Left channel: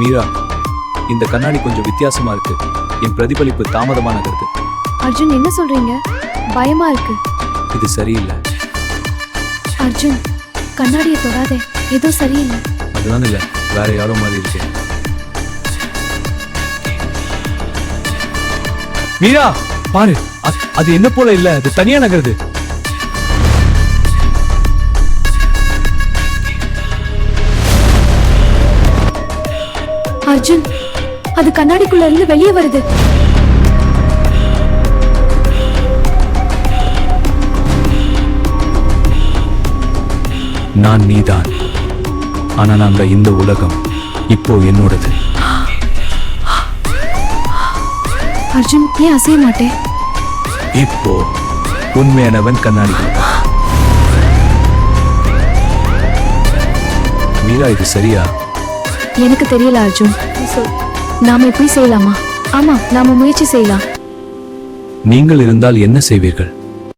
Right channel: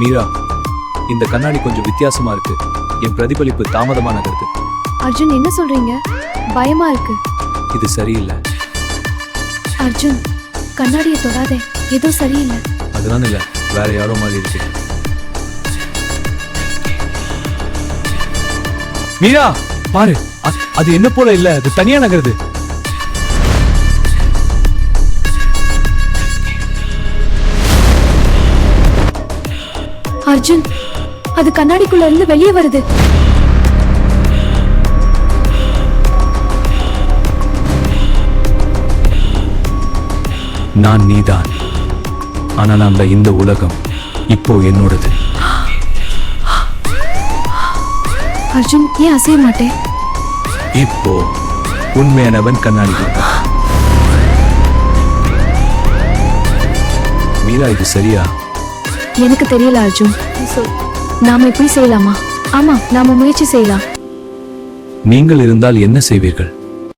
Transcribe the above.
மீரா, இந்த கண்ணாடி கொஞ்சம் வித்தியாசமா இருக்கு. என் பிரதிபலிப்பு தாமதமா நகருது. அர்ஜுன், என்ன சொல்றீங்க? பயமா இருக்கு. இது சரியில்லை. அர்ஜுன், கண்ணாடியை தொடாதே, ஏதோ சரியில்லை. அதுதான் இல்ல, வேற யாரோ மாதிரி இருக்கு. மீரா பாரு, அது என்ன போல இல்ல, அது தனியா நகருது. அர்ஜுன், அது கண்ணாடிக்குள்ள இருந்து வெளியே வருது. நான் நீதான், ஆனா நாம இந்த உலகம் இப்போ என்னோடது. அர்ஜுன், ஏன் அசைய மாட்டேன்? இப்போ உண்மையானவன் கண்ணாடி. மீரா, இது சரியா? எனக்கு தெரியல அர்ஜுன், நீ சொல். நாம இப்படி செய்யலாமா? ஆமா, நாம முயற்சி செய்யலாம். நீங்கள் இருந்தால் என்ன செய்வீர்கள்?